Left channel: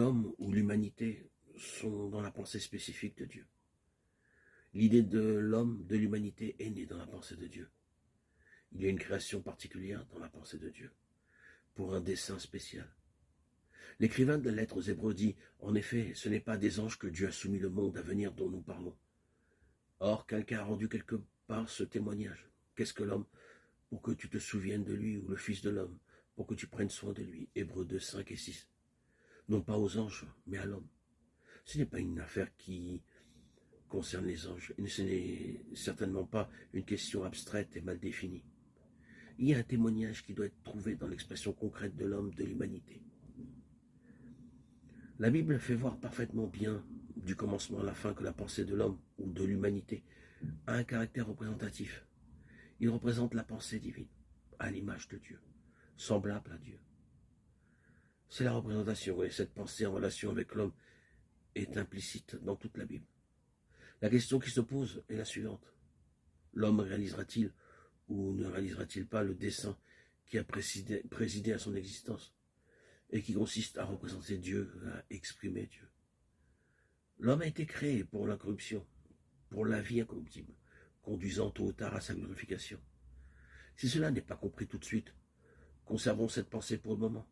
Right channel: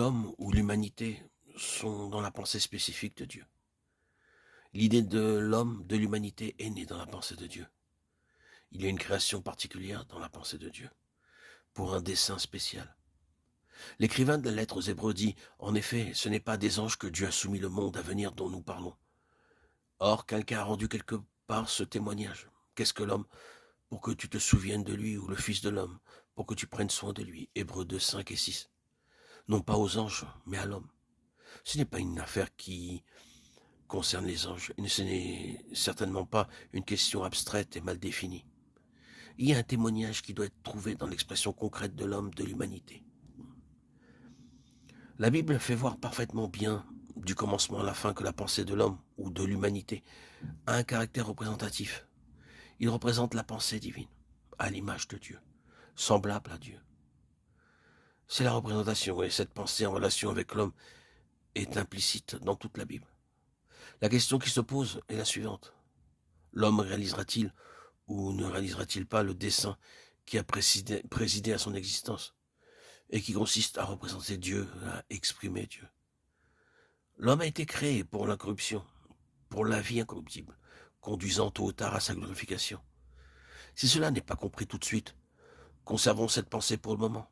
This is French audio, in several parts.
l'homme ou l'humanité sont dans la pensée spécifique de Dieu. L'idée de l'homme, de l'humanité est née dans la pensée de Dieu. Il y a une création particulière dans la pensée de Dieu, pour un dessein spécial. L'écrivain de la lettre aux Hébreux dit, en effet, ce n'est pas des anges que Dieu a soumis le monde à venir dont nous parlons. Or, quelqu'un a rendu quelque part ce témoignage. Qu'est-ce que l'homme? Pour que tu te souviennes de lui, ou le Fils de l'homme, pour que tu prennes soin de lui. Hébreux 2, 5 et 6. Non pas aux anges, mais à l'homme. Ce n'est pas une affaire qui concerne les anges, et ce n'est certainement pas une question abstraite et mal définie. Il y a un témoignage qui doit être trouvé dans l'expression concrète de l'homme, de l'humanité. La Bible fait voir parfaitement bien, du commencement à la fin, que la pensée de l'homme ou de l'humanité a un caractère représentatif. Il représente la pensée divine, à l'image de Dieu, semblable à Dieu. C'est la représentation, et cette pensée en relation avec l'homme est implicite dans toute la Bible. La question qui se pose est la suivante. L'homme réalisera-t-il ou ne réalisera-t-il pas le dessein qui a présidé à son existence et qui consiste à représenter Dieu, à exprimer Dieu? L'homme a été créé pour l'incorruption, pour la vie incorruptible, conduisant tôt ou tard à sa glorification. Si cela n'est pas compris tout de suite, conservons cette pensée pour le moment.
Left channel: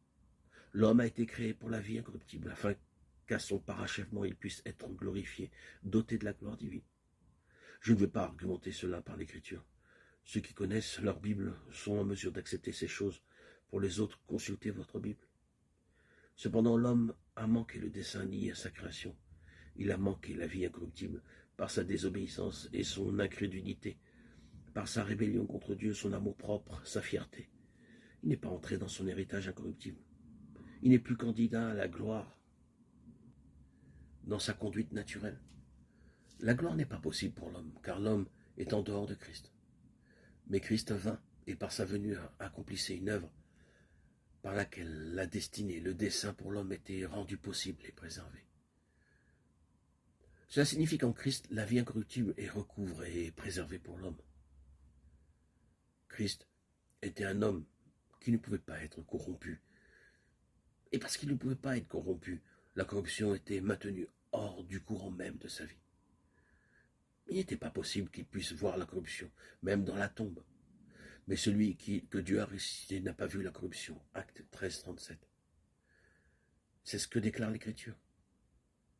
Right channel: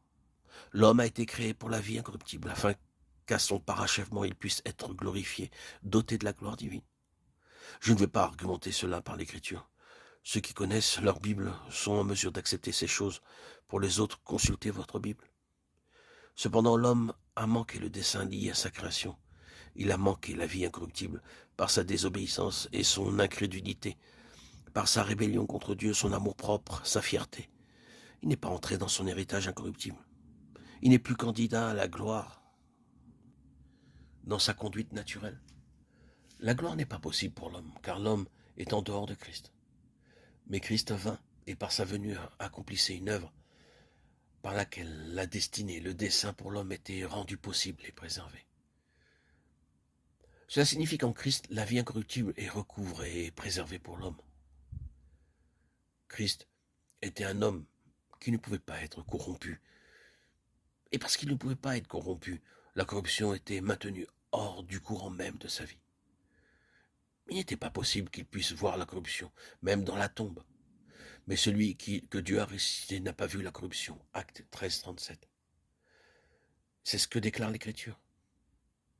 L'homme a été créé pour la vie incorruptible, afin qu'à son parachèvement il puisse être glorifié, doté de la gloire divine. Je ne vais pas argumenter cela par l'écriture. Ceux qui connaissent leur Bible sont en mesure d'accepter ces choses. Pour les autres, consultez votre Bible. Cependant, l'homme a manqué le dessein lié à sa création. Il a manqué la vie incorruptible par sa désobéissance et son incrédulité, par sa rébellion contre Dieu, son amour-propre, sa fierté. Il n'est pas entré dans son héritage incorruptible. Il n'est plus candidat à la gloire dans sa conduite naturelle. La gloire n'est pas possible pour l'homme, car l'homme est en dehors de Christ. Mais Christ vint, et par sa venue accomplissait une œuvre par laquelle la destinée, le dessein pour l'homme était rendu possible et préservé. Cela signifie qu'en Christ, la vie incorruptible est recouvrée et préservée pour l'homme. Christ était un homme qui ne pouvait pas être corrompu. Et parce qu'il ne pouvait pas être corrompu, la corruption était maintenue hors du courant même de sa vie. Il n'était pas possible qu'il puisse voir la corruption, même dans la tombe. Mais celui que Dieu a ressuscité n'a pas vu la corruption. Acte 13, 37. C'est ce que déclare l'Écriture.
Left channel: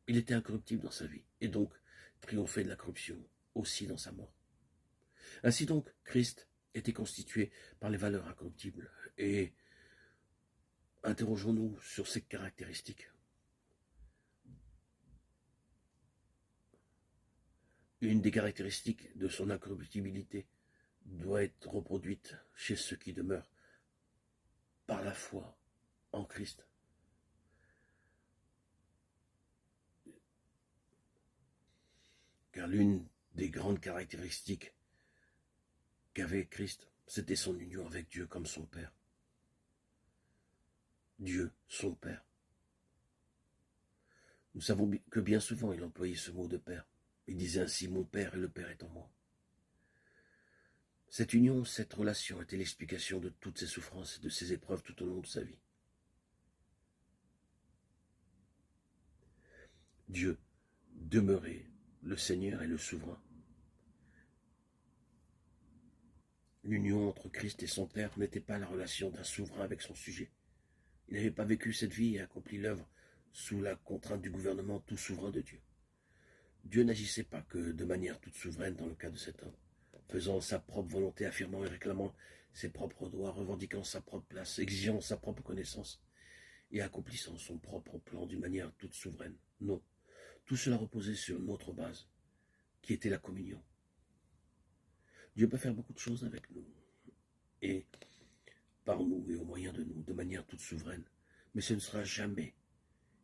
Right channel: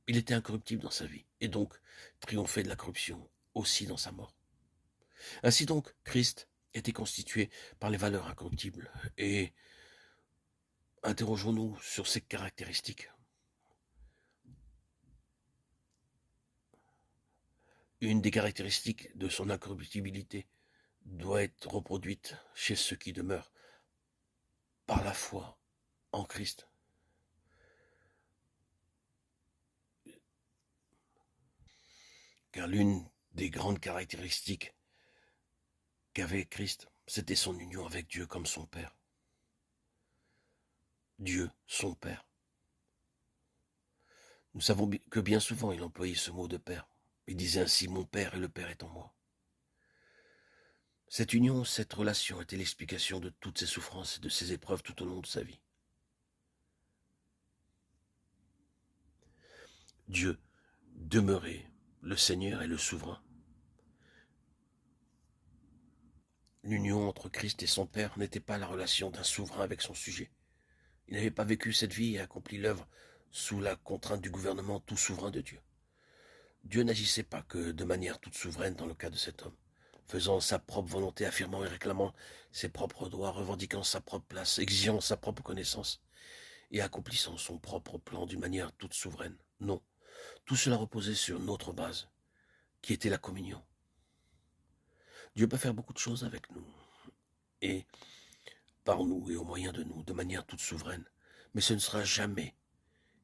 Il était incorruptible dans sa vie, et donc triomphait de la corruption aussi dans sa mort. Ainsi donc, Christ était constitué par les valeurs incorruptibles, et interrogeons-nous sur ses caractéristiques. Une des caractéristiques de son incorruptibilité doit être reproduite chez ceux qui demeurent par la foi en Christ. Car l'une des grandes caractéristiques qu'avait Christ, c'était son union avec Dieu comme son Père. Dieu, son Père. Nous savons que bien souvent il employait ce mot de Père. Il disait ainsi, mon Père et le Père est en moi. Cette union, cette relation était l'explication de toutes ses souffrances et de ses épreuves tout au long de sa vie. Dieu demeurait, le Seigneur et le souverain. L'union entre Christ et son Père n'était pas la relation d'un souverain avec son sujet. Il n'avait pas vécu cette vie et accompli l'œuvre sous la contrainte du gouvernement tout souverain de Dieu. Dieu n'agissait pas que de manière toute souveraine dans le cas de cet homme, faisant sa propre volonté, affirmant et réclamant ses propres droits, revendiquant sa propre place, exigeant sa propre connaissance et accomplissant son propre plan d'une manière toute souveraine. Non, tout cela reposait sur notre base, qui était la communion. Dieu peut faire beaucoup de choses avec nous, et par nous et au moyen de nous, de manière toute souveraine, mais ce ne sera jamais,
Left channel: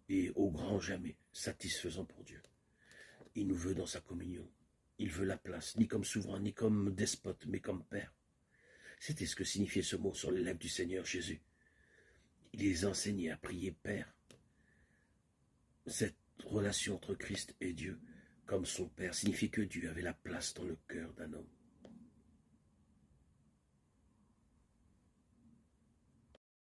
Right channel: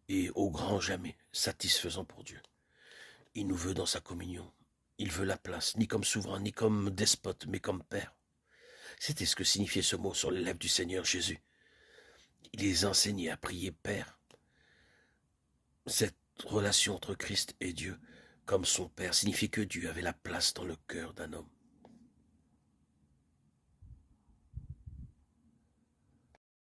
et au grand jamais, satisfaisant pour Dieu. Il nous veut dans sa communion. Il veut la place, ni comme souverain, ni comme despote, mais comme Père. C'était ce que signifiait ce mot sur les lèvres du Seigneur Jésus. Il les enseignait à prier Père. Cette relation entre Christ et Dieu, comme son Père, signifie que Dieu avait la place dans le cœur d'un homme.